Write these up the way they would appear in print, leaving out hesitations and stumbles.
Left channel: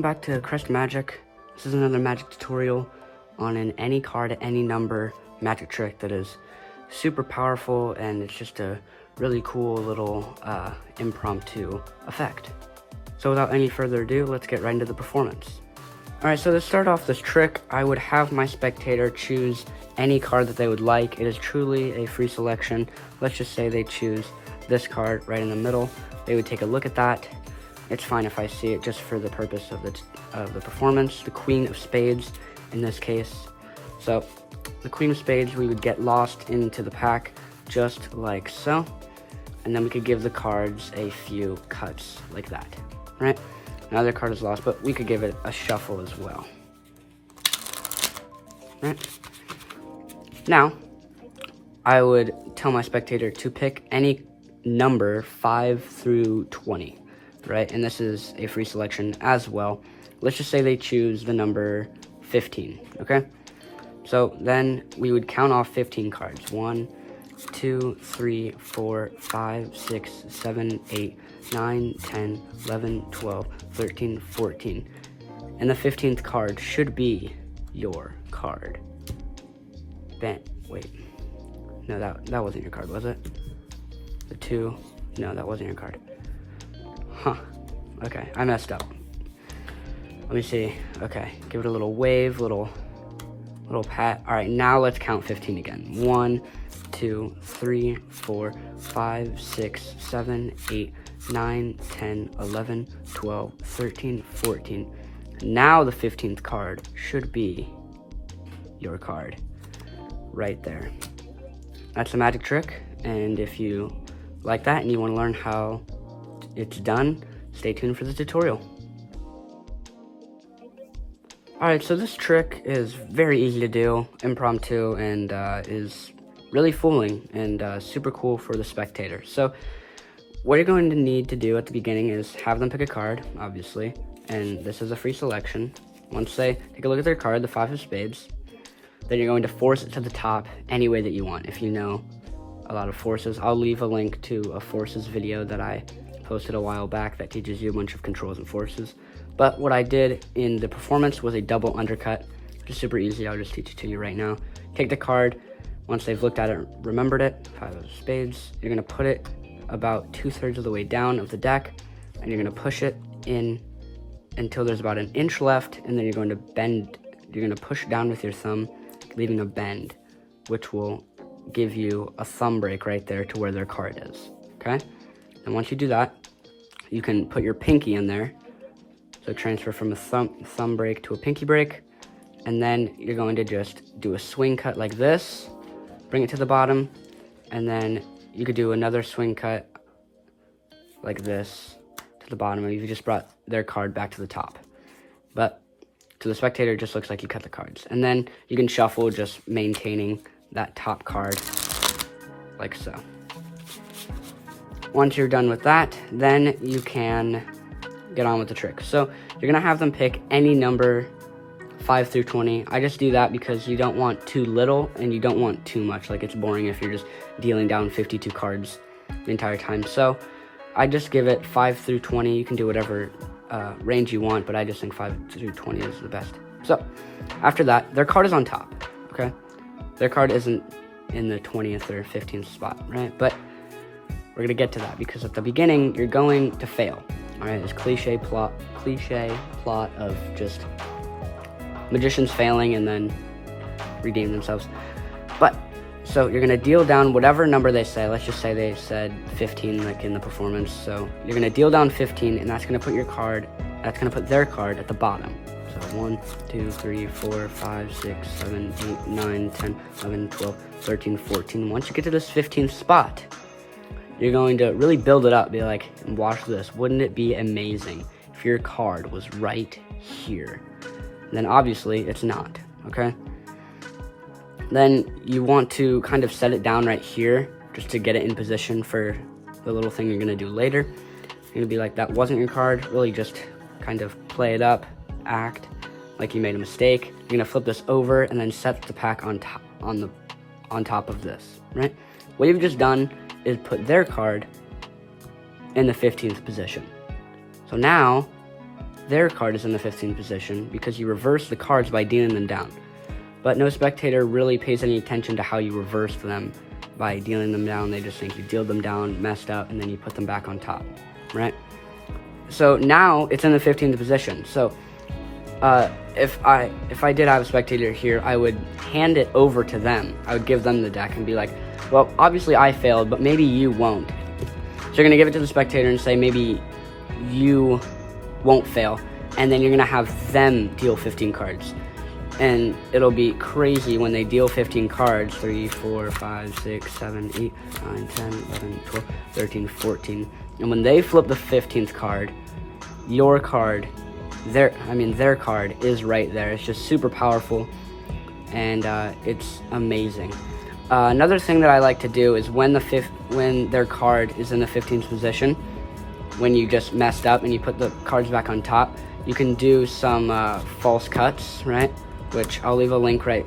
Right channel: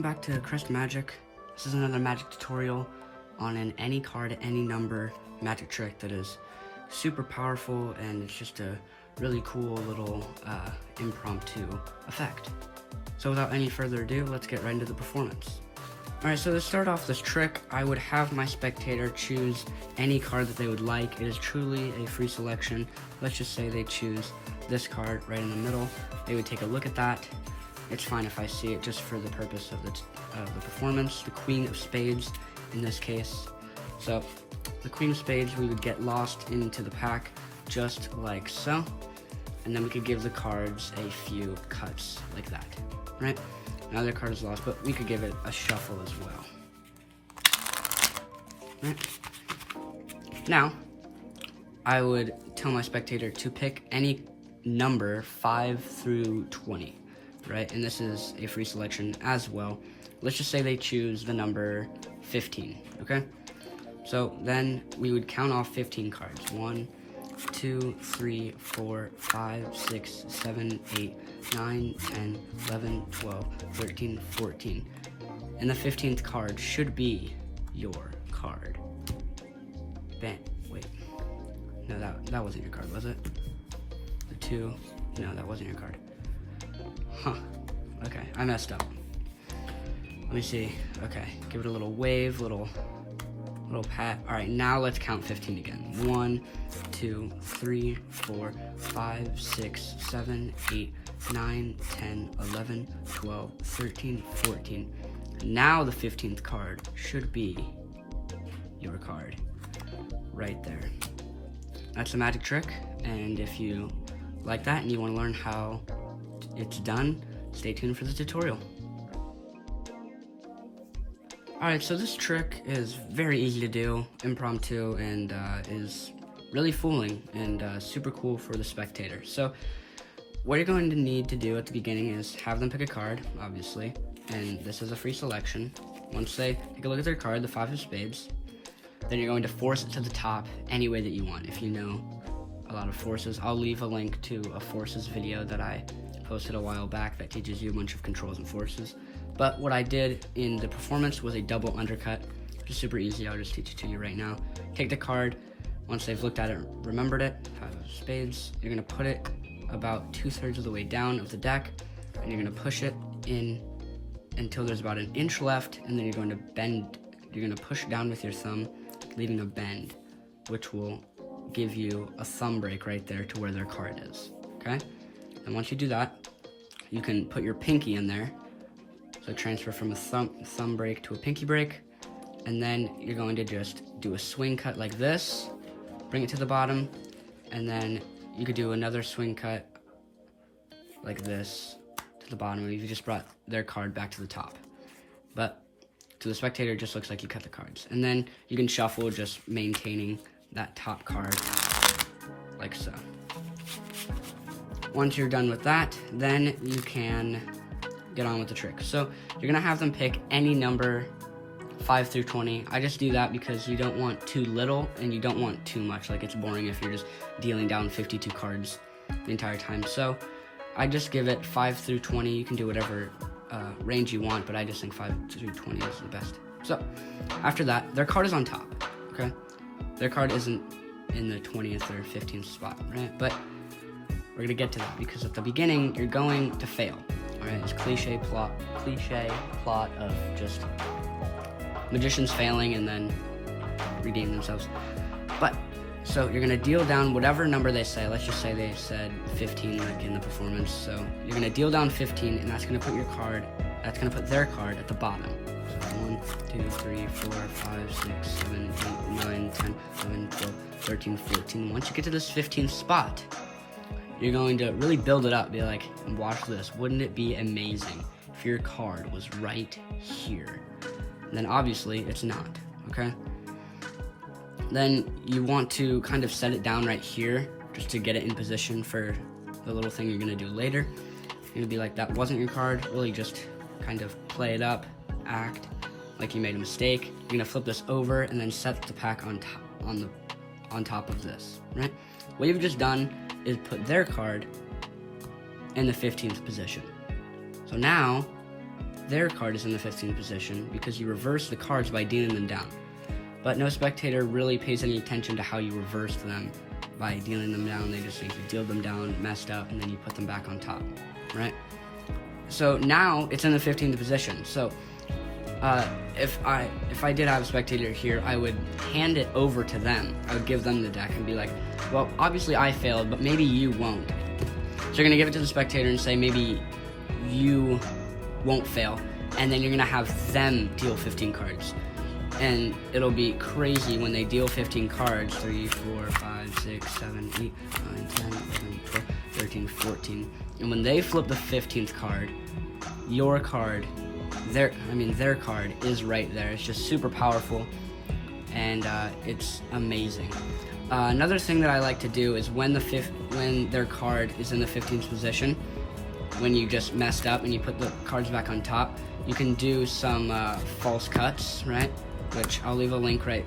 welcome back to Crest Magic. This is another magic tutorial on an any card, any number magic trick that is super powerful, and it's just a really cool little impromptu effect. So without any further ado, let's get right into the performance. Alright, so to start off this trick, I would have my spectator choose any card that they would like. It is truly a free selection. Let's just say they choose this card right in the middle. They would take a look at that. It's fine if I see it just for the purpose of the performance. The Queen of Spades in this case. So the Queen of Spades, we would get lost into the pack just like so. And then we could give the cards a few cuts like that, right? Now their card is lost, but we could give it a shuffle as well. Right? Now, I would tell my spectator to pick any number 5 through 20. Right, and this is a free selection as well. Let's just say they choose the number 15, okay? So then we would count off 15 cards. 1, 2, 3, 4, 5, 6, 7, 8, 9, 10, 11, 12, 13, 14. And the 15th card should be your card. Bam, wait. No, that wasn't your card, was it? The 2, no, that wasn't your card. Huh, okay, I messed up. Let me see, okay, give it a little wave, little pat. All right, now let's count 15 again. 1, 2, 3, 4, 5, 6, 7, 8, 9, 10, 11, 12, 13, 14. Now the 15th card should be your card, right there. That's a magic trick, and if you like that and you wanna learn how it's done, stay tuned for the tutorial. Alright, so this trick is very easy to do, impromptu, and is really fooling and super cool for the spectator. So what you're going to need to do at the beginning is have them pick a card, obviously, and this is a free selection. Once they take a look at their card, the 5 of Spades, then you're going to force it to the top any way that you want. If you know a lot of forces, I'll leave a link to a forces video that I posted a while back that teaches you a bunch of controls and forces. But what I did in the performance was a double undercut. It's super easy, I'll just teach it to you right now. Take the card, once they've looked at it, remembered it, 5 of Spades, you're gonna put it about 2/3 of the way down of the deck, and you're gonna push it in until there's about an inch left, and then you're going to bend, you're gonna push down with your thumb, leaving a bend, which will give you a thumb break right there to where their card is, okay? And once you do that, you can put your pinky in there. So transfer from a thumb break to a pinky break. And then you're going to just do a swing cut like this, bring it to the bottom, and then you could do another swing cut like this to the bottom, and you just brought their card back to the top. But to the spectator, it just looks like you cut the cards. And then you can shuffle, just maintaining that top card like so. Once you're done with that, then you can get on with the trick. So you're gonna have them pick any number 5 through 20. I just do that because you don't want too little and you don't want too much. Like, it's boring if you're just dealing down 52 cards the entire time. So I just give it 5 through 20. You can do whatever range you want, but I just think 5 through 20 is the best. So after that, their card is on top, okay? Their card isn't in the 20th or 15th spot, right? But we're gonna get to that because at the beginning, you're going to fail. All right, this cliche plot of just magicians failing and then redeem themselves. But, so you're gonna deal down whatever number they say. Let's just say they said 15 like in the performance. So you're gonna deal down 15, and that's gonna put their card at the bottom. So 1, 2, 3, 4, 5, 6, 7, 8, 9, 10, 11, 12, 13, 14. Once you get to this 15th spot, you're going to really build it up, be like, watch this, wouldn't it be amazing if your card was right here? And then obviously it's not, okay? Then you want to kind of set it down right here, just to get it in position for the little thing you're gonna do later. You're gonna be like, that wasn't your card, really just kind of play it up, act like you made a mistake. You're gonna flip this over and then set the pack on top of this, right? What you've just done is put their card in the 15th position. So now their card is in the 15th position because you reverse the cards by dealing them down. But no spectator really pays any attention to how you reverse them by dealing them down. They just think you deal them down, messed up, and then you put them back on top, right? So now it's in the 15th position. So if I did have a spectator here, I would hand it over to them. I would give them the deck and be like, well, obviously I failed, but maybe you won't. So you're gonna give it to the spectator and say, maybe you won't fail. And then you're gonna have them deal 15 cards. And it'll be crazy when they deal 15 cards, 3, 4, 5, 6, 7, 8, 9, 10, 11, 12, 13, 14. And when they flip the 15th card, your card, their card is right there. It's just super powerful, and it's amazing. Another thing that I like to do is when their card is in the 15th position, when you just messed up and you put the cards back on top, you can do some false cuts, right? Which I'll leave a link right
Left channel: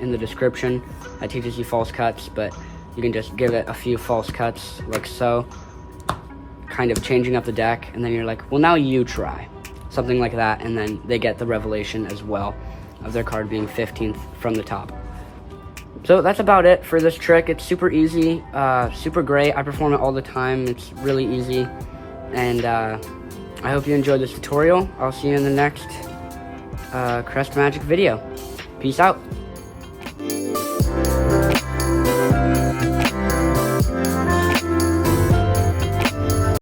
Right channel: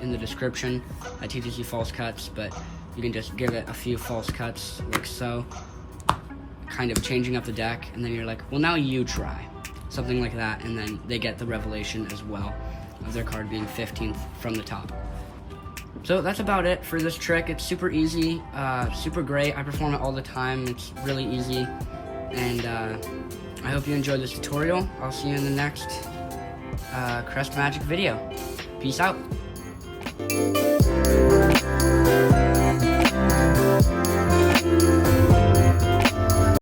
in the description that teaches you false cuts, but you can just give it a few false cuts like so, kind of changing up the deck, and then you're like, well, now you try. Something like that, and then they get the revelation as well of their card being 15th from the top. So that's about it for this trick. It's super easy, super great. I perform it all the time. It's really easy, and I hope you enjoyed this tutorial. I'll see you in the next Crest Magic video. Peace out.